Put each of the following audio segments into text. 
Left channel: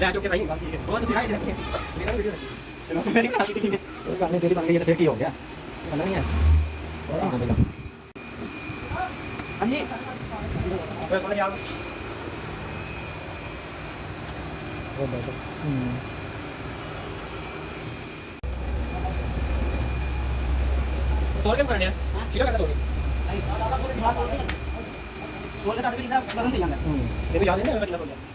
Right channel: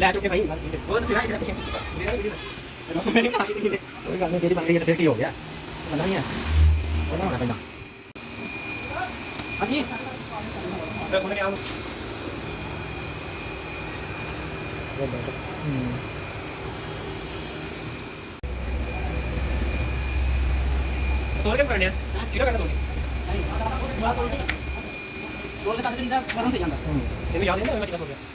ਲੈ ਚੁੱਕੇ ਸਹੀ ਬਹੁਤ ਸਿਰਾ ਸਿਰਾ ਮੇਰੀ ਮਾਸੀ ਦੀ ਉਹ ਕਰਨੇ ਦੀ ਬਾਕੀ ਫਿਰ ਕੀ ਹੋ ਗਿਆ ਪਤਾ ਨਹੀਂ ਹੈ ਉਹ ਮਾਰ ਦੇਣਾ ਹਾਂਜੀ ਇਹ ਸੁਣ ਗਿਆ ਤੋੜ ਕੇ ਕਰਨੇ ਆ ਠੀਕ ਹੈ ਤੋੜ बोलने का तरीका कहां से जानता है तेरी याद है ना मैं क्या बोल रहा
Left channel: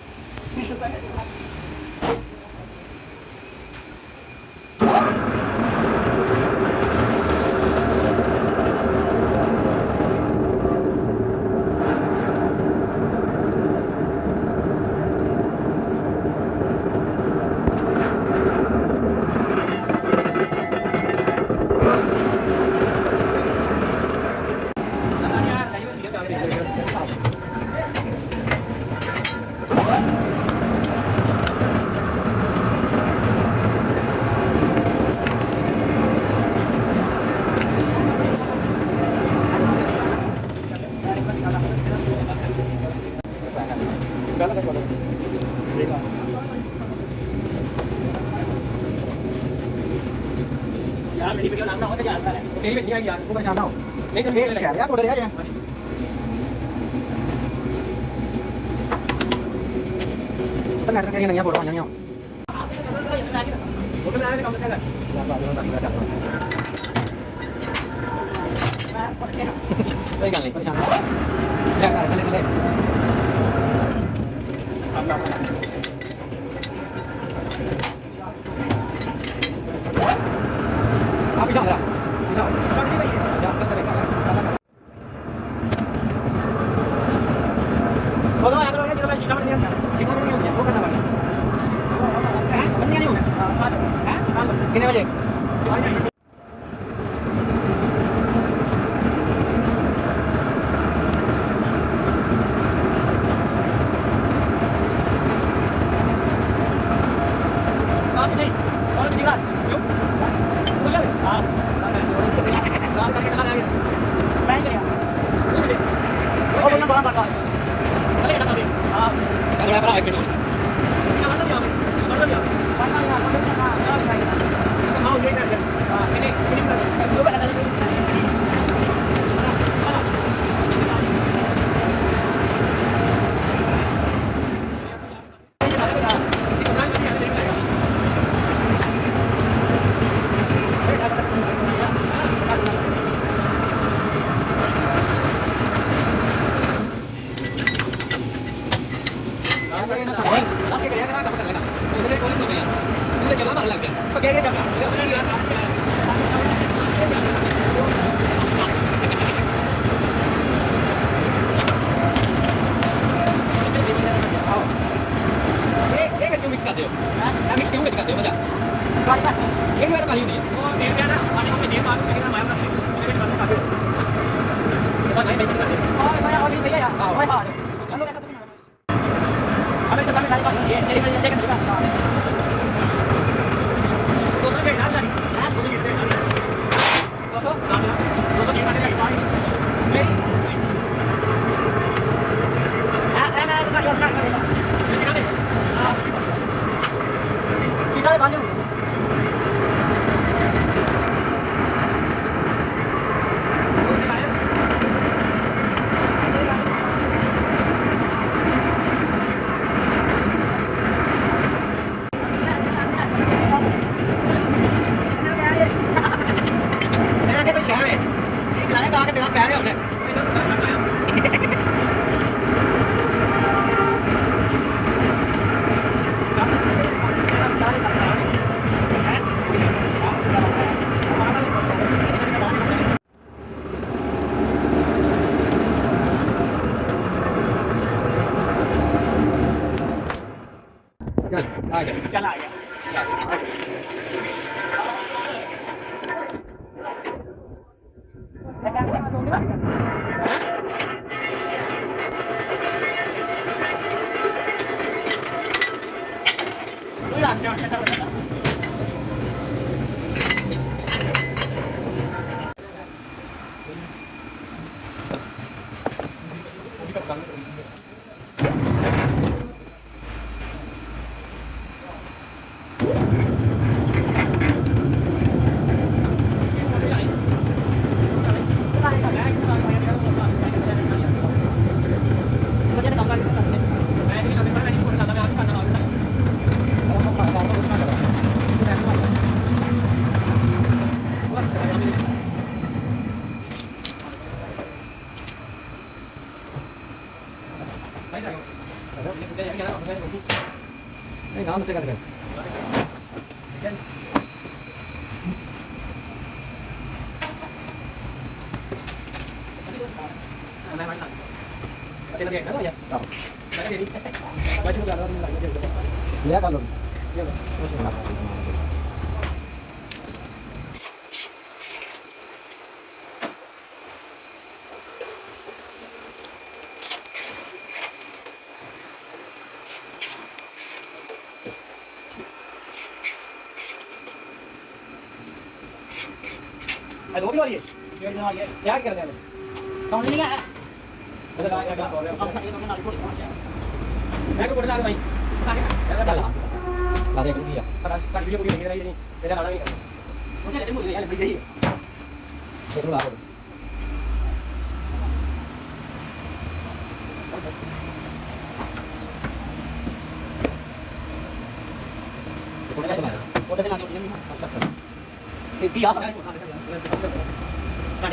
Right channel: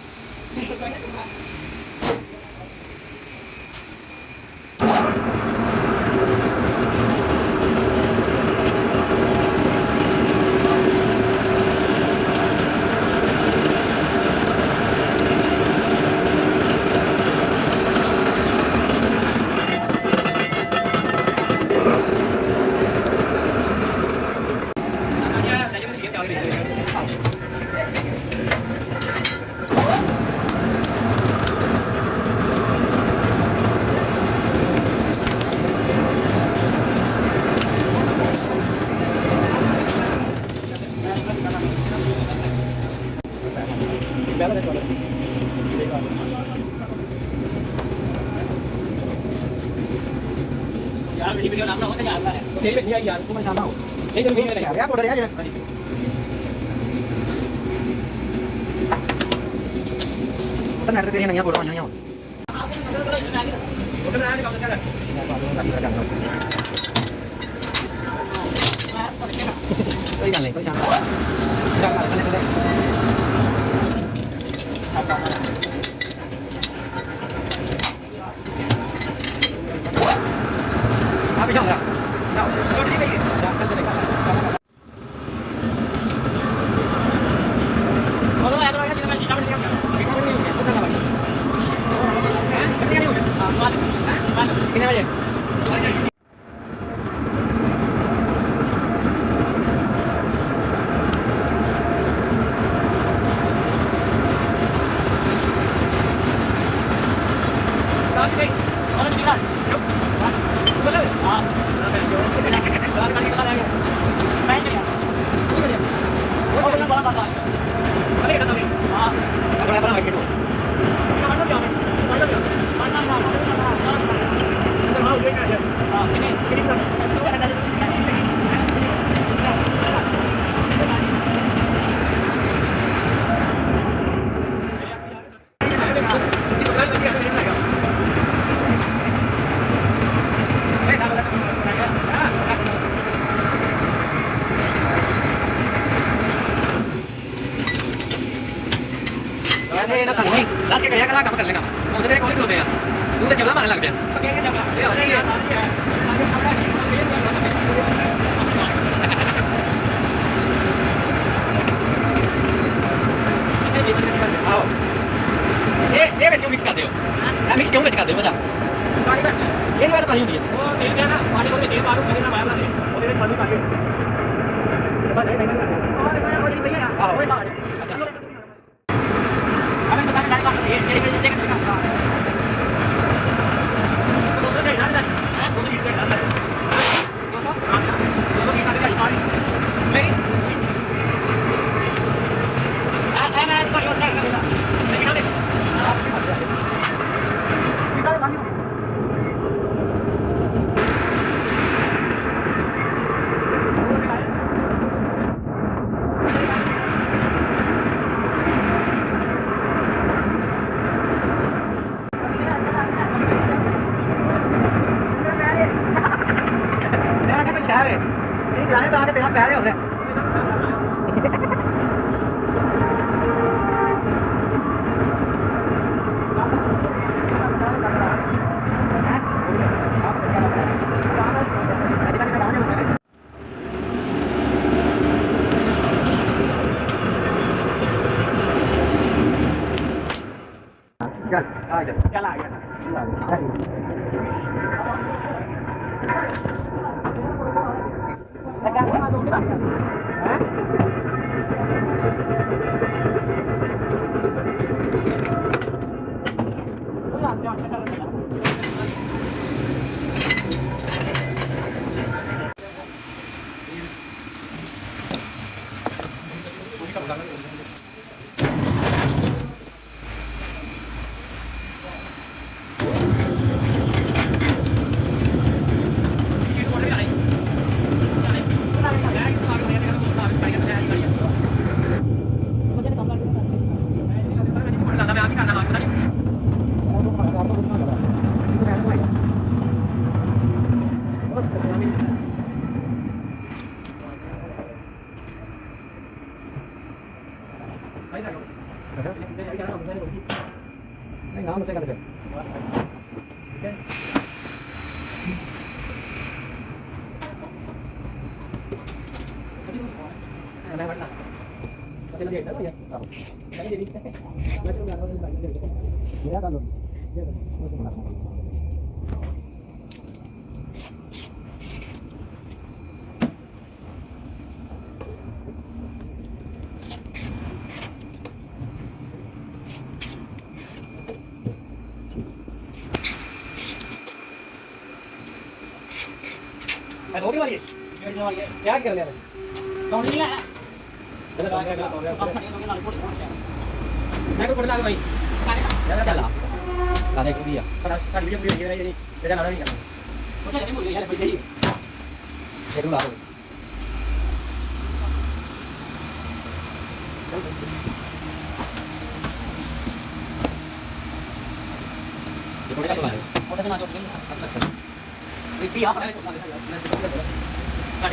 यार मेरी वीडियो लाता हूं तो आता है तेरी मछली आई यार को मैं चाहता हूं नहीं तो ये शहर यार बॉर्डर है जरा तो नेट तेरी नहीं है फोटो आनी है फोटो बना कम से कर यार बाद में लगा कोई गल नहीं परेशान क्या कर आप जाओ जाओ कट दी गई जाओ कट चलेगा बोलो यार करो यार जीता बढ़ गया जीता बढ़ गया वो करने वाली नहीं हो गया कितने बजे ना सामने लास्ट के करिया काम कर लेना उधर तेरे कौन खलोते हैं तू तो जबला मारने लग गया तो क्या जबला ये हो गया साथ क्या आओ ये बेच क्यों मिक्स कर दे हो हां मिक्स क्यों बेच कर दे हो बता पानी का ये नहीं तो पानी नहीं है वो तेल क्या ना पानी को तेल मारो करना मार मार और ये मारो पानी बस नहीं नहीं और नहीं भैया आओ मैं मार ये देख चल आ गया चल आ गया से कर lihat kalau दो भी वाली क्या कर रहे हैं कौन नहीं है मैं को बोल रहा भाई चल अरे कर दिया पर वीडियो पूरी ये नहीं तेरा लड़ा नहीं करना ओके देखो यार भाई यही देखो ला मोटे ना जो अच्छा अच्छा Iki ya, tadi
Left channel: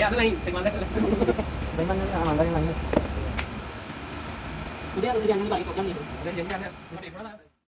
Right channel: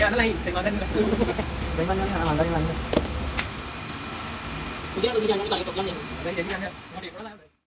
ada lagi, terima kasih. Bagaimana ni anak mandang ni? Kemudian ada yang lagi tak ikut yang ni. Jadi ada, mari pulang.